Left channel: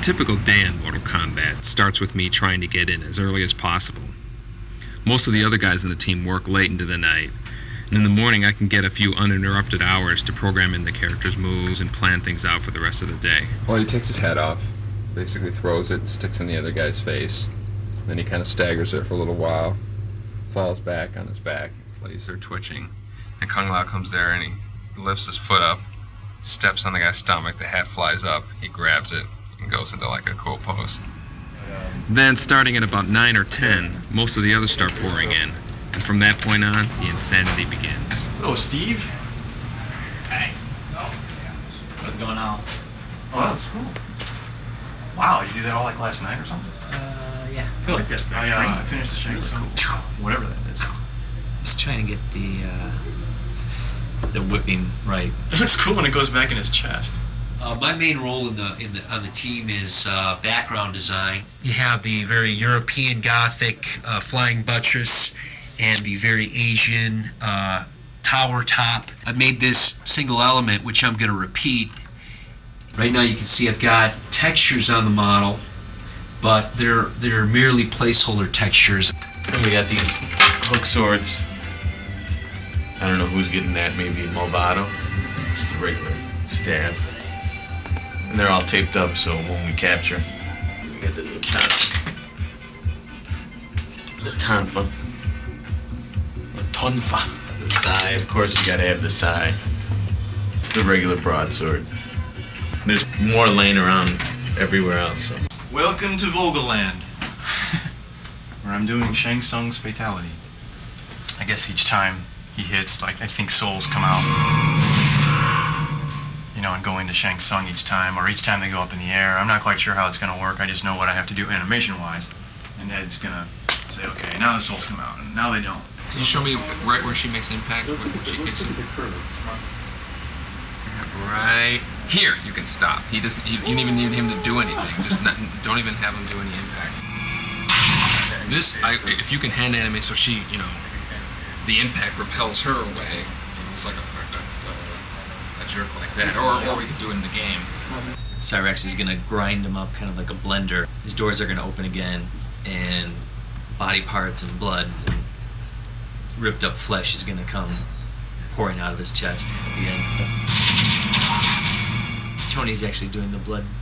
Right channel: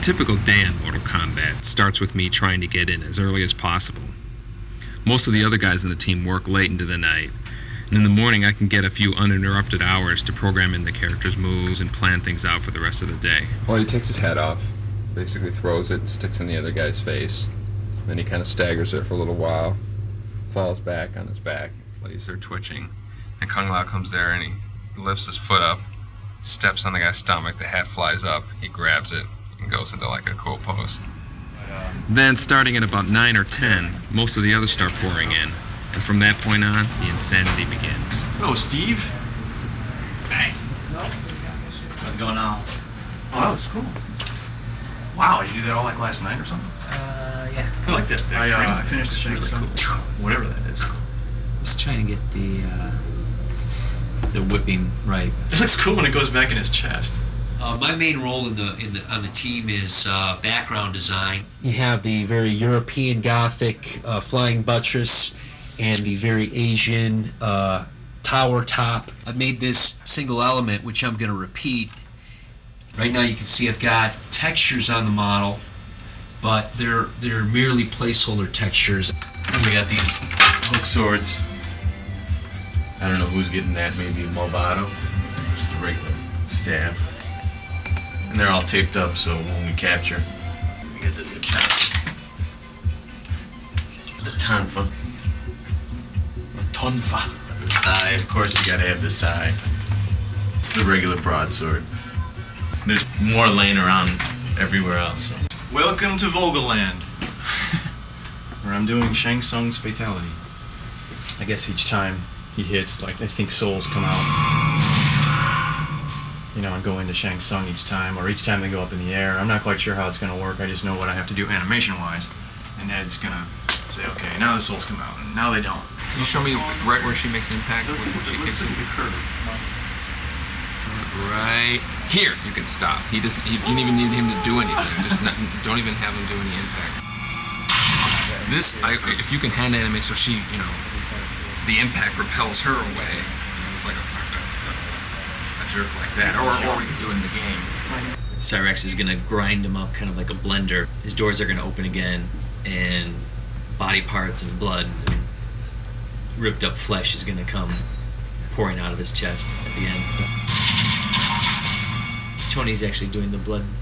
typical day in Mortal Kombat starts with me trying to get in as early as possible. Most of the other guys in the team work late into the night, and in the morning I can get a few uninterrupted hours to program in the character's moves and plan things out for the rest of the day. Well, he takes his head off, basically throws it, sticks in the other guy's face. Then he kind of staggers there for a little while, falls back on his back. Legs are twitching. And Kung Lao comes there and he lifts his foot up, steps on the guy's stomach, the hat flies up, he grabs it, and goes into like a cool pose. Then, starting at about 9 or 10, most of the others start pouring in. And from that point on, the insanity begins. Hello, Steve. Hey. What's going on? Oh, that was cool. Wow, you do that all like last night or something? Yeah. I like that. I finished the Shang Tsung. Cool. Whatever that is. Just trying to get the whipping right. It looks cool when it goes back in his chest. My main role on the team is background design. You have the very European Gothic flying buttress and the very Asian tower top. I made this single element, which I'm going to repeat. Right now you can see I've got textures on the model, but they're merely placeholder textures. We got these hook swords. I don't know who's getting that, maybe Movado. Just a regular staff. And they're all taped up, so when we capture, we get the tonfa. The tonfa. The sai, of course you gotta have the sai. The regular broadsword. There's more laying around everywhere else, so. Welcome to Vogelland, where I'm doing Shang Tsung's fatality. I guess each time he hits, like, I think souls come out, you know, and go into Shang Tsung each time, or each time they go up in the air. I'm not quite sure how it's going to work. I just know what I have to do animation-wise, and Ed's going to say, okay, now the souls come out, and now they don't. Can you show me right where she makes impact, when she kicks him? Right here, you can stop. You don't even need him to do anything. Don't even have him do any impact. This, if you can hand animate so she, you know, the impact repels her away. It's like a jerk like that, or we could do it in the game. Cyrex is gonna grind him up kind of like a blender. His doors are gonna open again, and body parts and blood and ripped up flesh is gonna come pouring out of his chest at the end. Tony's actually doing the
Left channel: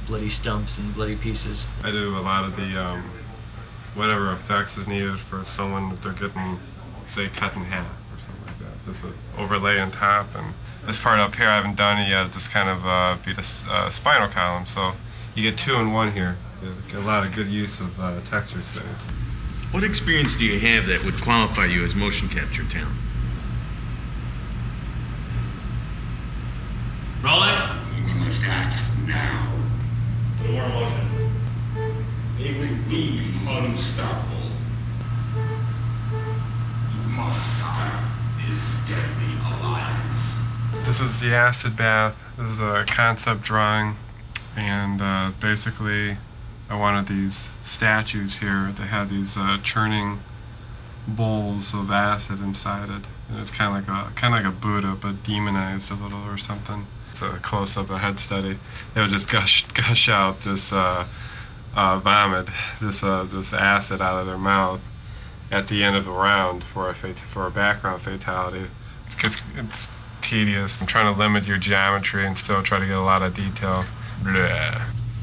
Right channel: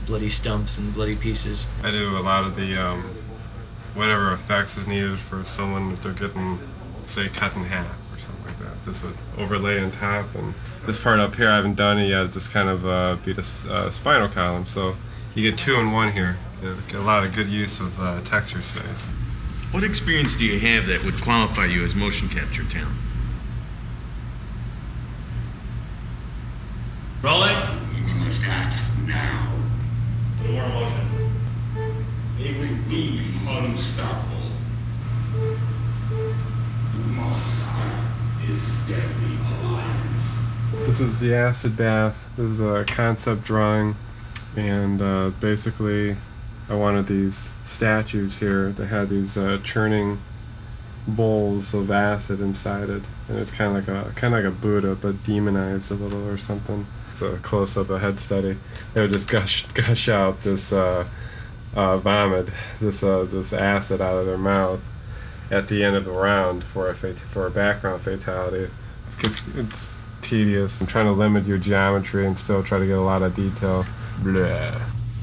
bloody stumps and bloody pieces. I do a lot of the whatever effects is needed for someone if they're getting, say, cut in half or something like that. This would overlay on top, and this part up here I haven't done it yet. Just kind of beat a spinal column, so you get 2 in 1 here. You get a lot of good use of texture space. What experience do you have that would qualify you as motion capture talent? Rolling. Start now. More motion. They will be unstoppable. You must stop this deadly alliance. This was the acid bath. This is a concept drawing, and basically I wanted these statues here that had these churning bowls of acid inside it, and it's kind of like a Buddha but demonized a little or something. It's a close-up, a head study. They would just gush out this vomit, this acid out of their mouth at the end of the round for a background fatality. It's tedious. I'm trying to limit your geometry and still try to get a lot of detail. Blah.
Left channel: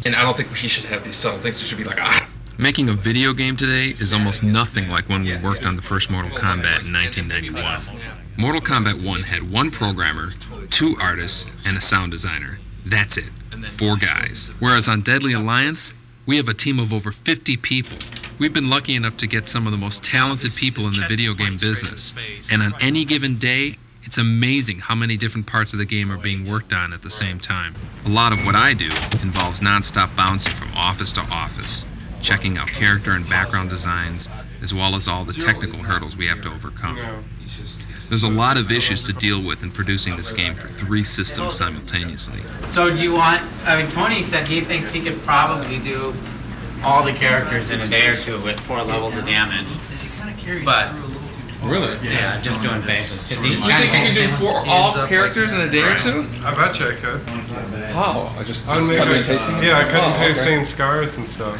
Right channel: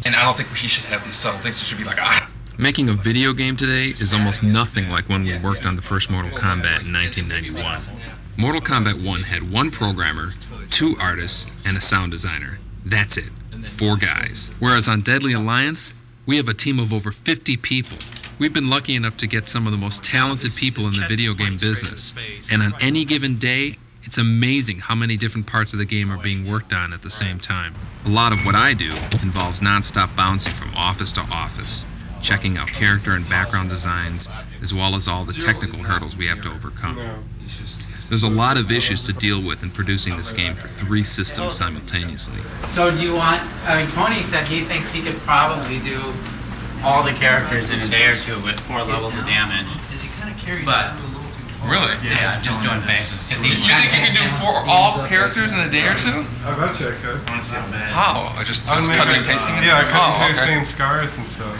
And I don't think he should have these subtle things. It should be like, ah. Making a video game today is almost nothing like when we worked on the first Mortal Kombat in 1991. Mortal Kombat 1 had 1 programmer, 2 artists, and a sound designer. That's it. 4 guys. Whereas on Deadly Alliance, we have a team of over 50 people. We've been lucky enough to get some of the most talented people in the video game business. And on any given day, it's amazing how many different parts of the game are being worked on at the same time. A lot of what I do involves non-stop bouncing from office to office, checking out character and background designs, as well as all the technical hurdles we have to overcome. There's a lot of issues to deal with in producing this game for 3 systems simultaneously. So do you want, Tony said he thinks he could probably do all the characters in a day or 2 with 4 levels of damage. But Really? Yeah, just doing faces. Is he You think you can do all characters in a day or two? I bet you I could. Oh, just I would make cutting it. and pasting? Yeah, I cut and Oh, paste okay. same scars and stuff.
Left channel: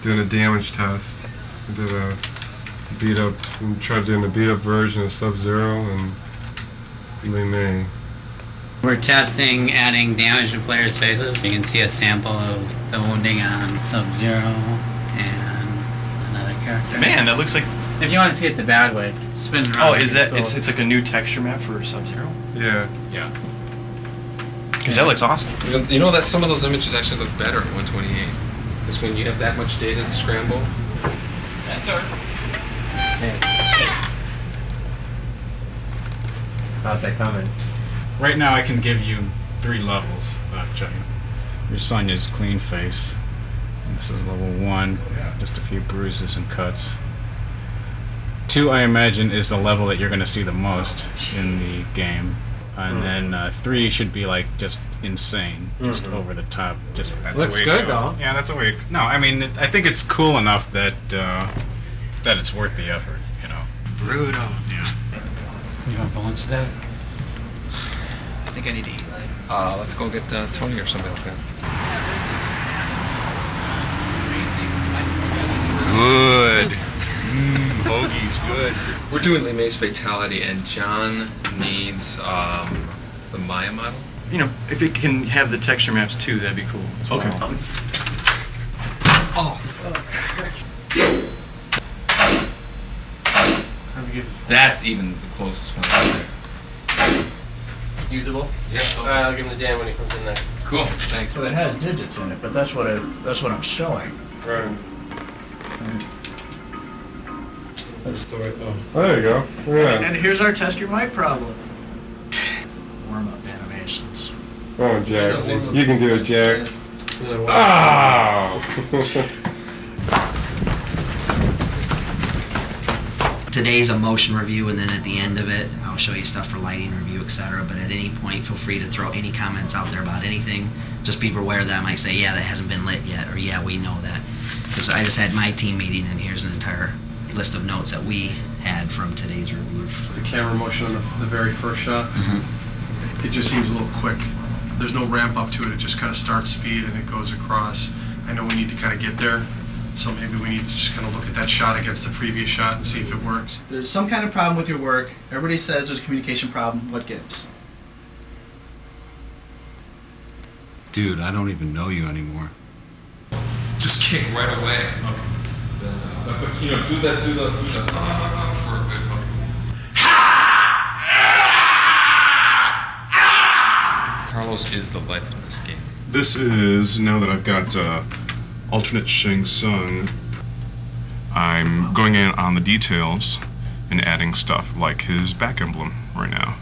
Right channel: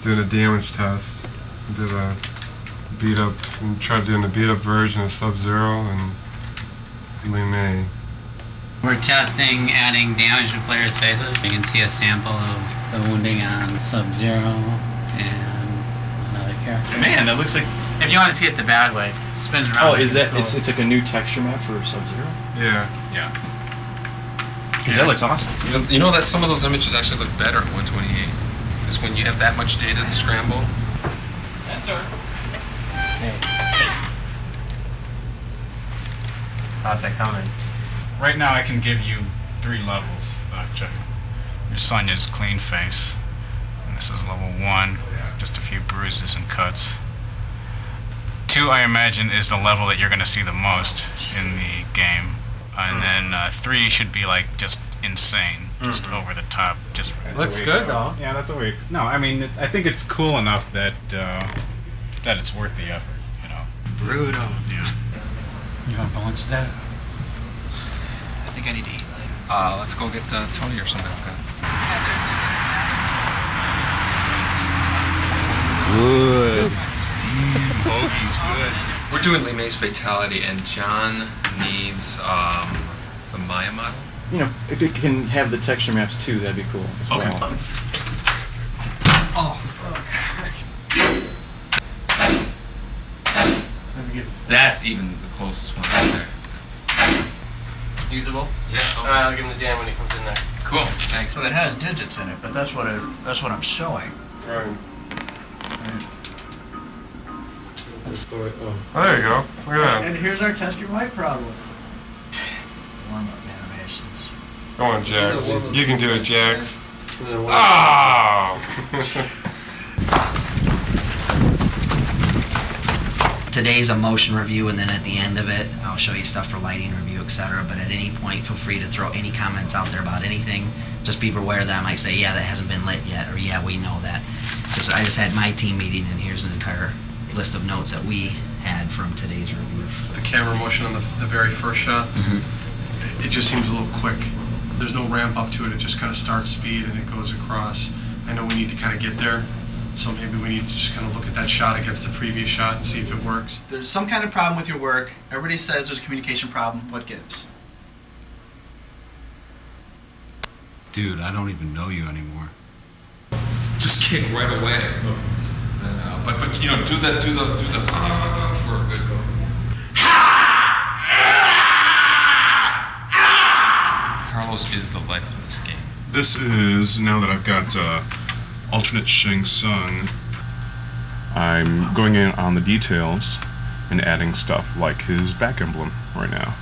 Doing a damage test. I did a beat up and tried doing a beat up version of Sub-Zero and Lee May. We're testing adding damage to players' faces. You can see a sample of the wounding on Sub-Zero and another character. Man, that looks like. If you want to see it the bad way, spin it around. Oh, is that? It's like a new texture map for Sub-Zero. Yeah. Yeah. Because that looks awesome. You know that some of those images actually look better at 128. Because when you have that much data to scramble. How's it coming? Right now, I can give you 3 levels. Check. Your Sonya's clean face. And this is level 1, just a few bruises and cuts. 2, I imagine, is the level that you're going to see the most in the game. And then 3 should be like just insane, just over the top. Just that's Looks the way good, to go. though. Yeah, that's a way. No, I mean, I think it's cool enough that that it's worth the effort. You know. Brutal. Yeah. You want for lunch today? I think I need to eat. Let's go get Tony or somebody like that. Good. Hoagie's good. We're doing Lee May's Fatality, and John needs the Maya model. You know, if it can have the texture maps too, that'd be cool. That's what I Okay. want. Oh, that's even the closest one. Usable? Yeah. Alright, I'll give him to Dan when he comes in next. Cool. Thanks. So it has digits in it, but that's what I'm showing. Right. Oh, there you go. Look at that. And here's our test your mic problem. Warm up animations. Go on, Jax. You can do it, Jax. Oh! Today's a motion review, and then at the end of it, I'll show you stuff for lighting review, etc. But at any point, feel free to throw any comments out there about anything. Just be aware that I might say, yeah, that hasn't been lit yet, or yeah, we know that. Because I just had my team meeting, and here's an entire list of notes that we had from today's review. The camera motion on the very first shot, it just seems a little quick. There's no ramp up to it. It just kind of starts speed and it goes across. I know we need to kind of get there, so maybe we need to just kind of look at that shot against the previous shot and see if it works. If there's some kind of problem with your work, everybody says there's a communication problem, what gives? Dude, I don't even know you anymore. Just kick right away. Okay. Then, but you know, do the for a good hook. Carlos is the life of this game. This is, now that I've got alternate Shang Tsung, I'm going in on the details and adding stuff like his back emblem right now.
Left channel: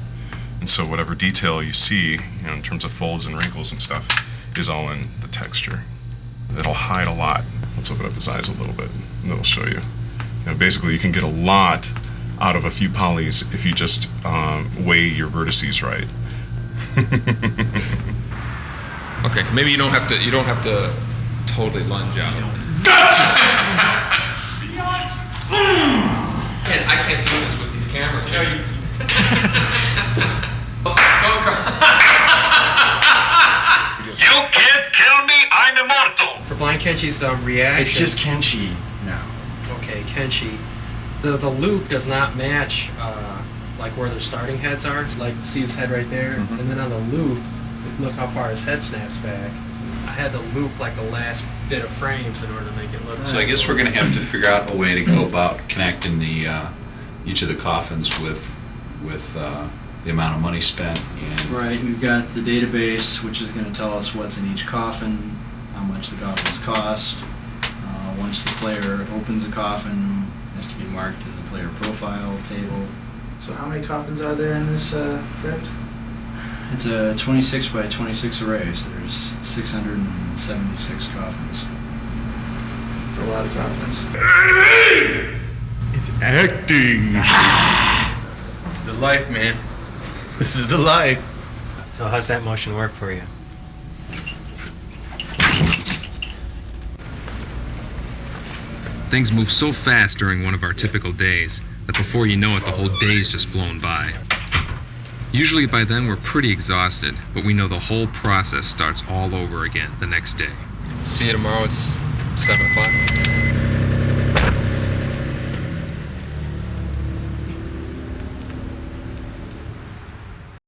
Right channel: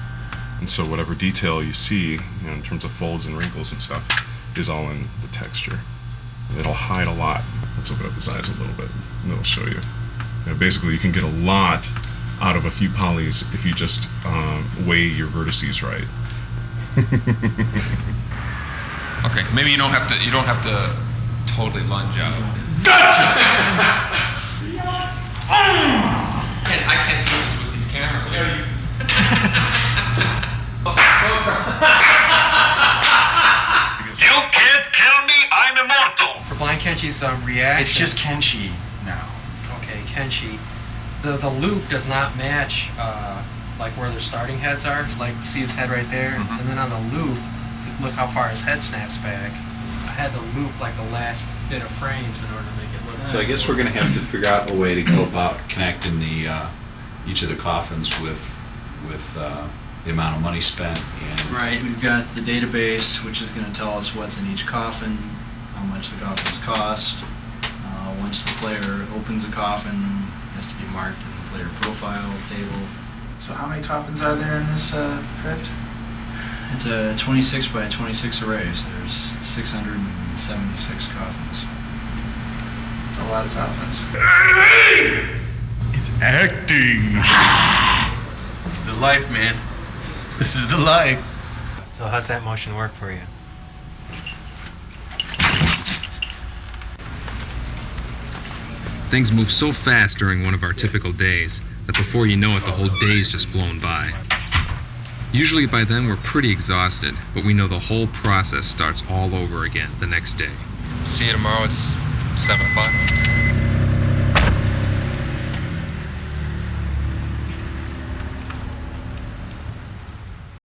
And so whatever detail you see, you know, in terms of folds and wrinkles and stuff, is all in the texture. It'll hide a lot. Let's open up his eyes a little bit, and that'll show you. Basically, you can get a lot out of a few polys if you just weigh your vertices right. Okay, maybe you don't have to totally lunge out. Gotcha! I can't do this with these cameras here. You can't kill me, I'm immortal. For Blind Kenchi's reaction. It's just Kenshi now. Okay, Kenshi. The loop does not match like where their starting heads are. Like, see his head right there? And then on the loop, look how far his head snaps back. I had to loop like the last bit of frames in order to make it look. So I guess we're going to have to figure out a way to go about connecting the each of the coffins with the amount of money spent. And Right, we've got the database, which is going to tell us what's in each coffin, how much the coffins cost. Once the player opens a coffin, it has to be marked in the player profile table. So how many coffins are there in this crypt? It's a 26 by 26 array, so there's 676 coffins. It's a lot of coffins. It's acting. This is the life, man. This is the life. So how's that motion work for you? Things move so fast during one of our typical days. that before you know it, the whole day's just flown by. Usually by then we're pretty exhausted, but we know the whole process starts all over again the next day. See you tomorrow at 7 o'clock.